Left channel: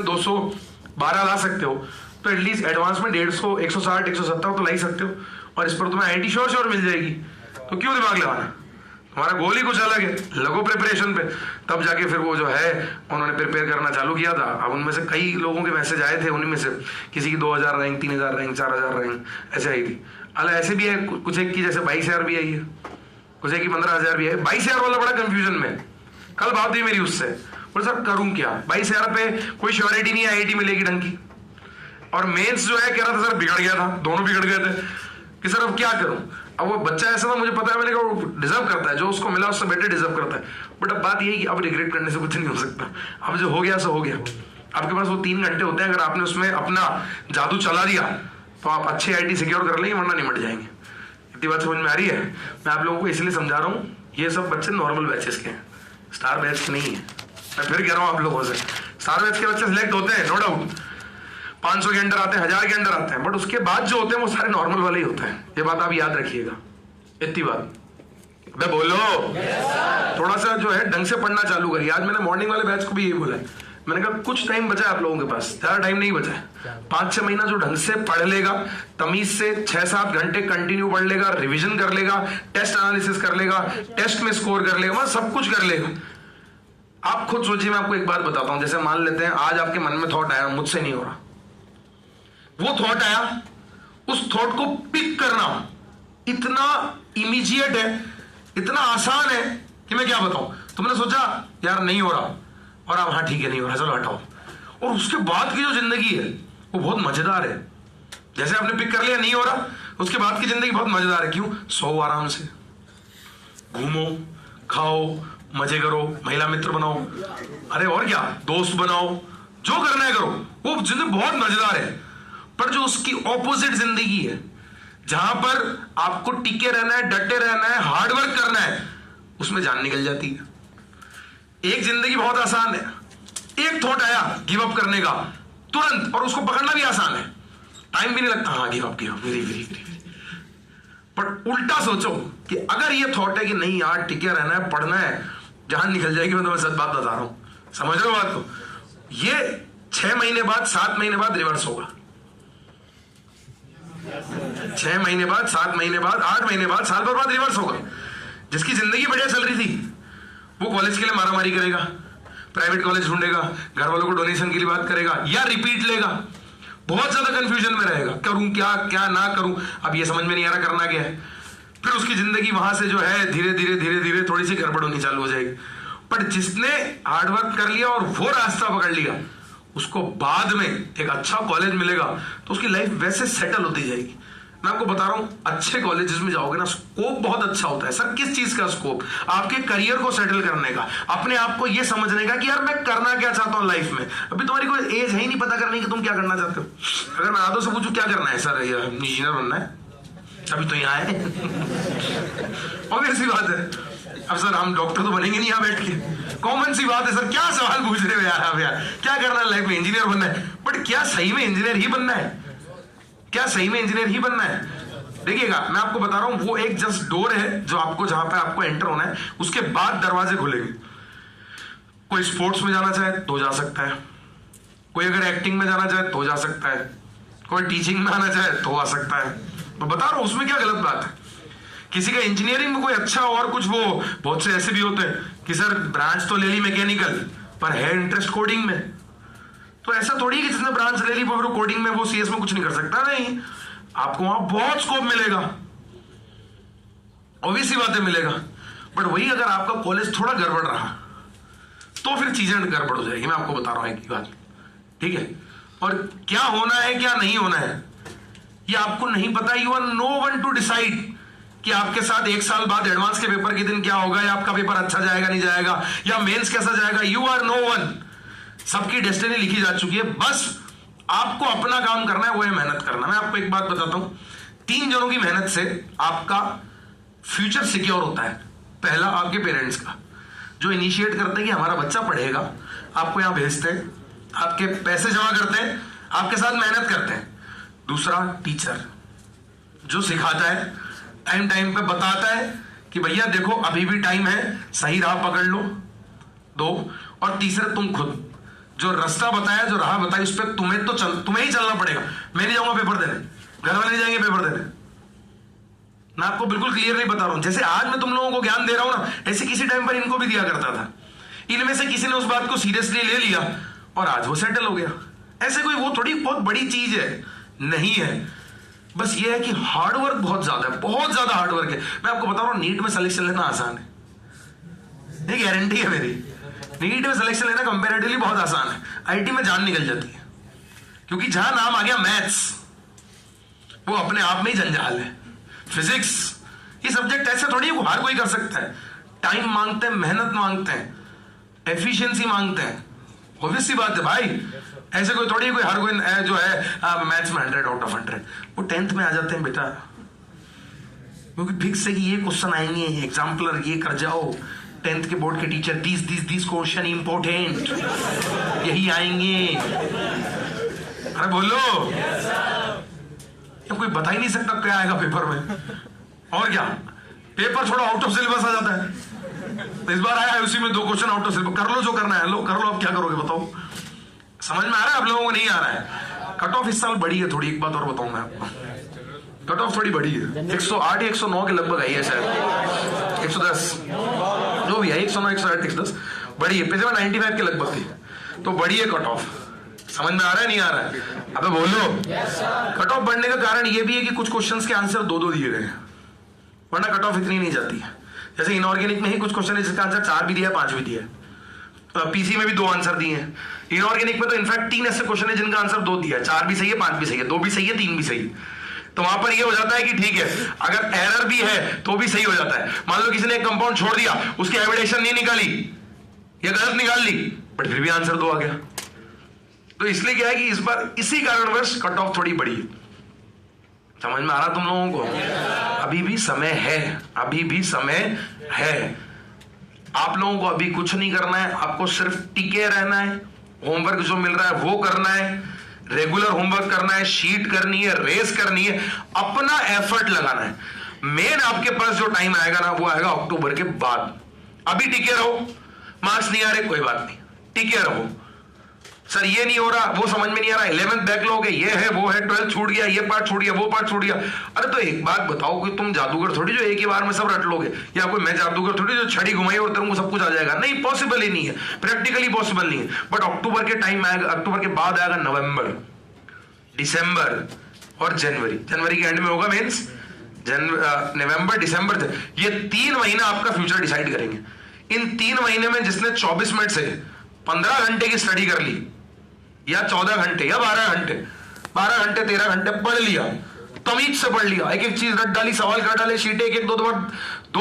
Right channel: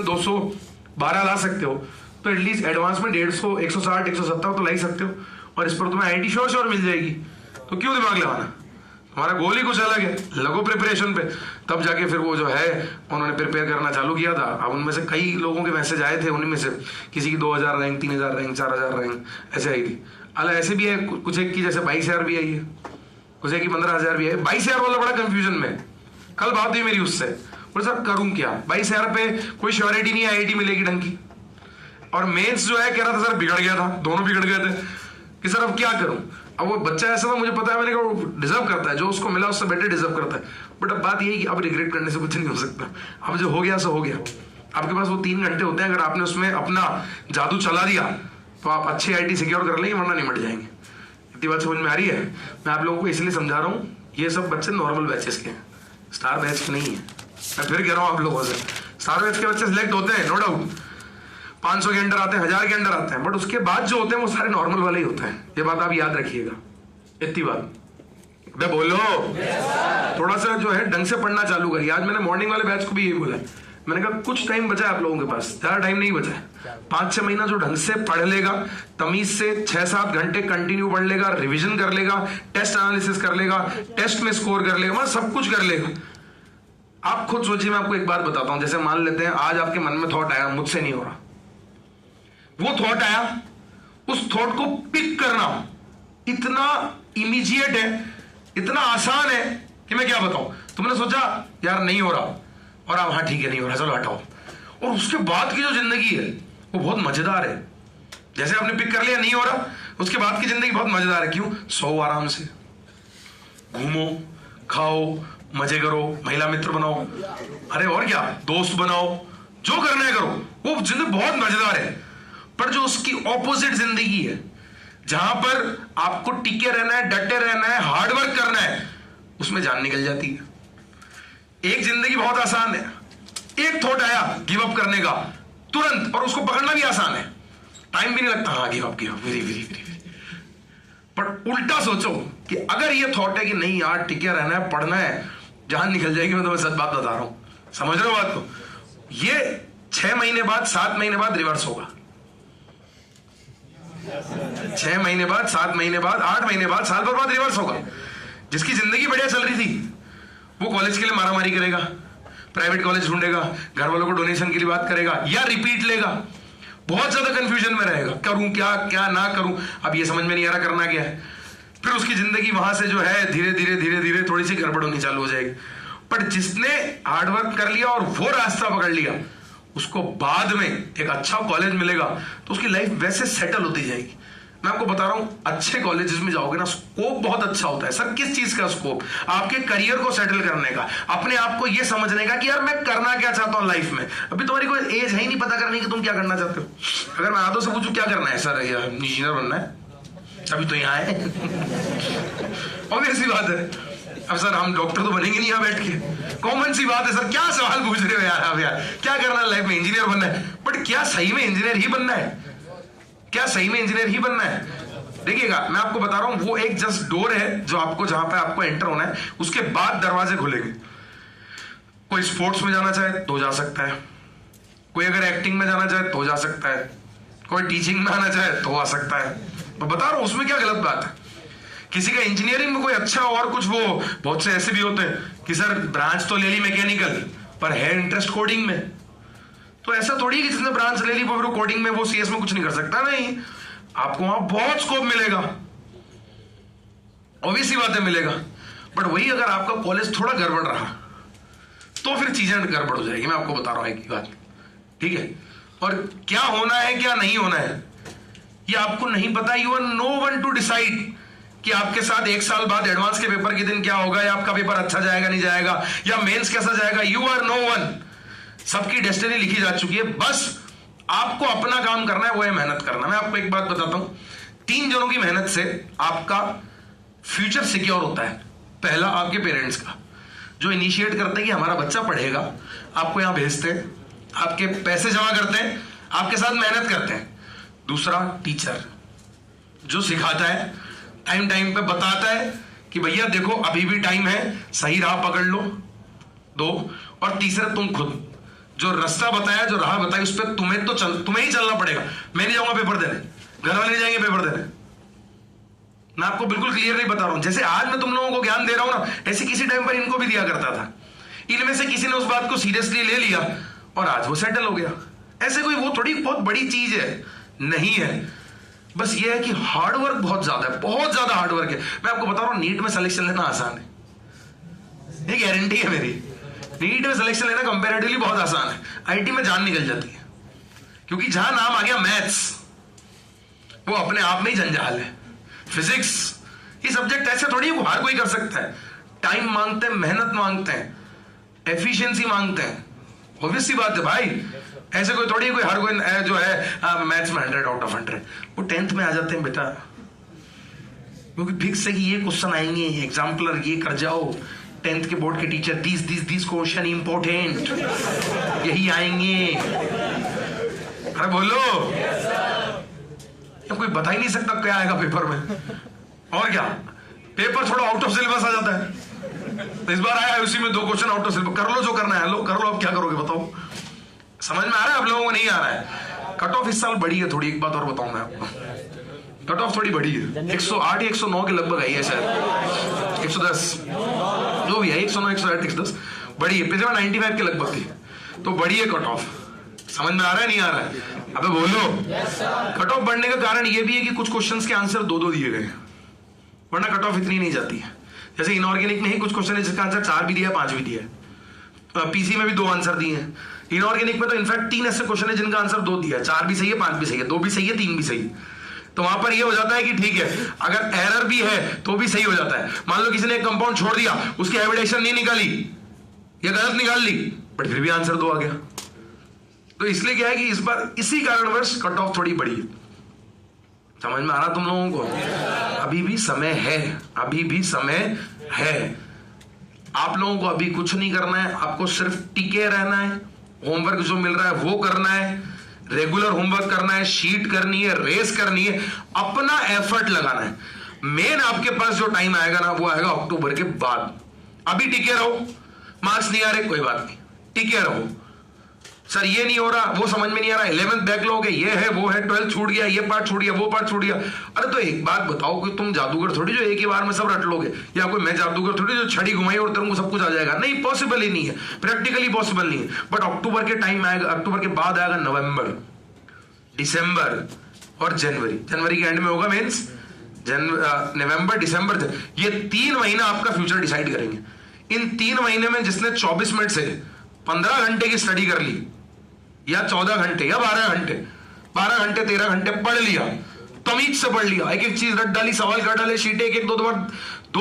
में 212 ला सकते हो, तो एटलीस्ट एडवांस में 150, 160, 170 तो ला ही सकते हो, और इस पर तुम्हें आईआईटी श्योर मिल जाएगी। तो क्यों दिमाग लगाना? हमारा गोल ही कुछ अलग है, लगो प्रिपरेशन पे। तब जाके फिर वो जो है उन्होंने प्रिपेयर करना चालू किया था। अब उनमें से कई लोगों के मैसेज आए थे, उन्हीं में से किसी की 2000 रैंक, 3000 रैंक, 4000 रैंक ऐसे आई थी। हालांकि ऐसे भी है कुछ एक की जैसे 22,000 भी आई है, कुछ एक की 15,000 भी है। 22,000 वाला बड़ा कंफ्यूजन में। कल बात हुई मेरी उससे, बोले सर करूं क्या? 22,000 पे कोई श्योरिटी नहीं आईआईटी मिलेगी ढंग की, और मेंस जो है कह रहा था सर बिगड़ गया था, दोनों बिगड़ गए थे कि सर अब क्या करूं। अब वो बच्चा ऐसा ना, मुझे पता है, मैंने कहा वो डिजर्व करता है, जो उसको मिला उससे बेटर डिजर्व करता है। बट अब बात यही कि अब रिग्रेट करने से कुछ नहीं हो सकता। अब जो हो गया सो हो गया। आपके पास वो 3 घंटे होते हैं, अगर आपने उसमें अपना जादू चला दिया तो आप अच्छी आईआईटी सिक्योर कर लेंगे, वरना निमट जाएंगे। इतनी बात समझ में आ रही है? मैं आप लोगों को इसलिए समझा रहा हूँ, ये सब बच्चे नॉर्मल बैचेस के हैं, स्टार बैच के नहीं है। मैं फिर कह रहा हूँ आप लोगों से, स्टार बैच के बच्चे सिलेक्ट होते हैं नो डाउट, 500 के अंदर आते हैं, 1000 के अंदर आते हैं, बट उसके बाद जो होते हैं वो सारे नॉर्मल वाले ही होते हैं। ये बात आप याद रखिएगा। इतनी बात मैं बोलो। थोड़ा सा जो है ढंग से पढ़ना चालू करिए। आज मैंने मॉर्निंग वाले बैच को भी यही बोला, मैंने कहा कुछ टाइम बचा है आप लोगों के पास, ज्यादा टाइम नहीं बचा है। 5-6 महीना जो ढंग से पढ़ लेगा, तमीज से 6-7 घंटे कंटिन्यू पढ़ लेगा, रिवीजन कर लेगा, टेस्ट एनालिसिस कर लेगा, टेस्ट में स्कोर कर लेगा, सब कुछ कर लेगा। आप खुद सोचिए, मैं आपको एक बात बताता हूं। जैसे मान लेते हैं आज आपके मन में थॉट आया, मुझसे नहीं हो रहा, वो थॉट आया, उस थॉट को पिक करना इतना इमीडिएट है, इतना आसान है कि मैं क्या बताऊं। तुमने सोचा यार नहीं हो रहा, और आप हाँ ठीक है नहीं हो रहा, चलो हटाओ, और उसके बाद की जो जिंदगी है वो बहुत मजेदार है। जैसे आपने पिक कर लिया नहीं हो रहा, उसके बाद की जिंदगी बहुत मजेदार है। क्यों? सो आराम से, घूमो, खाओ, मजे करो, महिला मित्र बनाओ, अरे और क्या, दोस्त बनाओ, जो करना है करो, वो जिंदगी बहुत मजेदार है। पर जो उसकी ऑपोजिट जिंदगी है, जहां पर आपको टिके रहना है, डटे रहना है, हार्डवर्क करना है, उसमें जान निकल जाती है। एक जिंदगी बहुत आसान है, एक थॉट आया गिव अप करने का तुरंत, और उसको पकड़ना भी आसान है, टाइम भी नहीं लगता। हाँ give up, very very very. पर उल्टा सोचो कि अगर ये थॉट है कि नहीं यार टिके रहना है, पढ़ना है, जान निकल जाएगी। मैं तुम्हें सच बात बता रहा हूं, समझ रहे हो बात को? ये 6 महीने बाद, 7 महीने बाद रिवर्स होगा। 6 महीने बाद, 7 महीने बाद, 8 महीने बाद, साल भर बाद रिवर्स होगा। जिसकी जिंदगी बढ़िया चल रही थी वो कॉलेज के लिए मारामारी करेगा, प्राइवेट कॉलेज ढूंढेगा, घर वालों को डोनेशन के लिए बात करेगा, या रिपीट लेगा, बहुत ज्यादा कंफ्यूजन में रहेगा, करूं क्या, क्या ना करूं, अब ये समझ में नहीं आ रहा करना क्या है। फिर उसकी जिंदगी वहां से जो है धीरे धीरे धीरे धीरे थोड़ी सी गड़बड़ होनी चालू हो जाएगी। पर जिसने हार्डवर्क कर लिया और वो रास्ता पकड़ लिया, उसको बाद में एक अच्छा कॉलेज मिलेगा तो उसकी लाइफ वैसे सेटल होती जाएगी। मैं आपको बता रहा हूं, अच्छे कॉलेजेस में जाओगे ना, स्कोप बहुत अच्छा होता है। सर किस चीज का स्कोप? आपके करियर को सेटल करने का, अपने आप को यह समझने का कि यार मैं करना क्या चाहता हूं लाइफ में। अभी तुम्हारी कोई एज है ही नहीं पता करने की तुम क्या करना चाहते हो। अगर मैं आदों से पूछूं क्या करना है, सर इंजीनियर बनना है, अभी तो यहाँ है। ऑब्वियस सी बात है। अब सर हम डॉक्टर तो बनेंगे नहीं यहाँ बैठ के, कॉमन सी बात है। सर क्या सवाल पूछ रहे हो यार आप, यार क्या करना है लाइफ में? इंजीनियर बनना है। बट क्या सही में इंजीनियर ही बनना है? क्या सही में इंजीनियर ही बनना है? देखिएगा मैं आपको बता रहा हूं, वो एक जस्ट डोर है जो आपको, जहां पे आपको एंटर होना है, उसके बाद दरवाजे खुलेंगे। कोई स्पोर्ट्स में जाना चाहे तो जा सकता है, कोई अगर एक्टिंग में जाना चाहे तो जा सकता है, कोई टीचिंग में आना चाहे तो आ सकता है। तो बता रहा हूं उसमें क्या गलत बात है। किसी का इंजीनियरिंग में कोई अच्छा और कुछ, वो बहुत से ऐसे भी होते हैं कि सर ब्रांच तो ले ली मैकेनिकल पर है इंटरेस्ट कोडिंग में। तो ऐसा थोड़ी है कि जिसने ब्रांच ले ली वो कोडिंग में, वो सीएस में कुछ नहीं कर सकता। नहीं, आपको वहां बहुत स्कोप मिलेगा, ऑब्वियसली बातें मिलेगा। बट वही अगर आपका कॉलेज थोड़ा गड़बड़ रहा तो फिर चीजें गड़बड़ हो जाएगी। मैं आपको बता रहा हूं एक बात, ठीक है? और क्या होना है क्या नहीं होना है ये आपको नहीं पता। You are no one to decide कि आपके साथ 1 साल बाद एडवांस के पेपर के दिन क्या होगा, या आपका पेपर अच्छा जाएगा नहीं जाएगा, या मेंस कैसा जाएगा। You are no one. सबकी डेस्टिनी लिखी जा चुकी है, बस आपको अपना काम करना है, वो है मेहनत करना। मैं आपको एक बात बताता हूं, 3 जनों की मेहनत से आपका फ्यूचर सिक्योर होता है। पहला आपके पेरेंट्स का, जो इनिशिएट करते हैं कि हमारा बच्चा पढ़ेगा, आपको यहां भेजते हैं, आपके पैसे जमा करते हैं, आपके साथ मेहनत करते हैं। दूसरा टीचर, जो सिखाता है, टाइम टाइम पे बताता है कि भैया देखो अभी भी टाइम है, सही राह पकड़ लो। 2 और तीसरा तुम खुद, जो रास्ता बताया, जो राह बताई, उस पर तुम्हें ही चलना पड़ेगा। मैं नहीं जाऊंगा पेपर देने, घर वाले नहीं जाएंगे पेपर देने। मैं आपको बिल्कुल क्लियर नहीं बता रहा हूं। जैसे आज मैं तुम लोगों को ज्ञान दे रहा हूं ना, ऐसे किसी टाइम पर इनको भी दिया करता था। इनमें से किसी ने उस बात को सीरियसली ले लिया और आज वो सेटल हो गया। ऐसे कोई वो थोड़ी बहुत बड़ी चीज है नहीं है। बस ये है कि हार्डवर्क बहुत ज्यादा है, बहुत ज्यादा हार्डवर्क है। मैं आपको बता रहा हूं, नीट में सिलेक्शन लेना आसान है, ये गारंटी है मेरी। नीट में सिलेक्शन लेना कंपैरेटिवली बहुत आसान है। आईटी में जान निकल जाती है, क्योंकि जहां नाम आ गया मैथ्स, वो अपने आप में ही जंजाल है। फिजिक्स, ये सब्जेक्ट ऐसे थोड़ी वो हर कोई कर सकता है। टाइम मांगते हैं, मेहनत मांगते हैं, एफिशिएंसी मांगते हैं। ऑब्वियस सी बात है भाई, ऐसे कोई थोड़ी कोई हर कोई जो है मैथ्स में 100 आउट ऑफ 100 वो 10th में आ जाते हैं बेटा, क्योंकि फिक्स है कि ये क्वेश्चन आएंगे, एग्जाम्पलर ये कर जाओ। 10th के बोर्ड के टीचर दिस क्वेश्चन इंपॉर्टेंट, यही आएंगे। अरे बोलो, तो कोई बता ही नहीं सकता क्या आएगा पेपर में। और क्या, पेपर थोड़ा आउट ऑफ सिलेबस आ जाता है। तो इस बार आया है उसी में 2 क्वेश्चन आउट ऑफ सिलेबस। कर लो जो करना है, लो कर लो, अब क्या करोगे बताओ। समझ में आ रहा है आप लोगों को? नहीं आ रहा है। कट ऑफ इस साल बड़ी है थोड़ी। एक बात और बताऊं मैं आपको, कट ऑफ थोड़ी बड़ी है। 108 109 के लगभग आई है शायद, 110 जो भी है, 109 108 110 बड़ी है। पिछले 95 के लगभग थी, तो बड़ी है कट ऑफ। समझ में आ रहा है नहीं आ रहा है? अबे बोलो। कट ऑफ बढ़ने का कारण ये भी है कि कुछ क्वेश्चंस के आंसर 2-2 दिए गए हैं, वरना कट ऑफ इतनी नहीं जाती है। जैसे इनऑर्गेनिक में ही कुछ क्वेश्चन है जिसका आंसर 4 भी दिया, 5 भी दिया है। पीसी में भी 2 आंसर दिए हैं। इनऑर्गेनिक में तो इनफैक्ट 3 ऐसे क्वेश्चन है जिनका आंसर 2 दिया है, 4 भी सही है, 5 भी सही है, 2 भी सही है, 3 भी सही है। तो वहां पर ये हो जाता है कि ठीक है, अगर एरर भी है तो भी सही हो जाता है। मान लो किसी ने एक कंपाउंड छोड़ दिया, उसकी एविडेशन नहीं निकाली या गलत निकाल ली, बट फिर भी आंसर 2 आ गया। तो इसलिए क्या है कि इस बार इसी कारणवश कट ऑफ थोड़ी बड़ी है। समझ में आ रहा तुम लोगों को? अभी भी समय है, अभी भी समय है। आप लोगों को अभी कुछ नहीं करना है, आपको सिर्फ टिके रहना है। होमवर्क जो मिल रहा है वो करना है, रेगुलर होमवर्क करना है, शीट करनी है, रेस करनी है, अपना एफर्ट लगाना है। मेन आपके पास जो टाइम आएगा ना, वो आएगा अक्टूबर के बाद। अभी टिके रहो, मार्क्स नहीं आ रहे कोई बात नहीं, टिके रहो। सर ये नहीं हो रहा, वो समझ में नहीं आ रहा, 11th बैकलॉग है, ये है वो है, 12th छूट गया, ये पार्ट छूट गया, वो पार्ट छूट गया। अरे तो एक बात बताओ कि तुम जादूगर थोड़ी जो एक ही बार में सब रट लोगे, या कोई मैं जादूगर थोड़ी जो छड़ी घुमाई और तेरे को सब कुछ आ जाएगा। नहीं, पॉसिबल ही नहीं है, प्रैक्टिकली पॉसिबल नहीं है। बट अक्टूबर के टाइम आएगा, अक्टूबर के बाद आएगा नवंबर, दिसंबर और जनवरी। जनवरी के एंड में होगा मेंस, नवंबर दिसंबर, ये 3 महीना आपका फ्यूचर डिसाइड करेंगे। इन 3 महीने में जिसने 24 मिनट से 15 घंटे की स्टडी कर ली, या 14 घंटे या 12 घंटे, 12 घंटे 13 घंटे पढ़ लिया, तमीज से पढ़ लिया, एक एक चीज रट डाली, सवाल कर डाले, शीटें एक एक 2 बार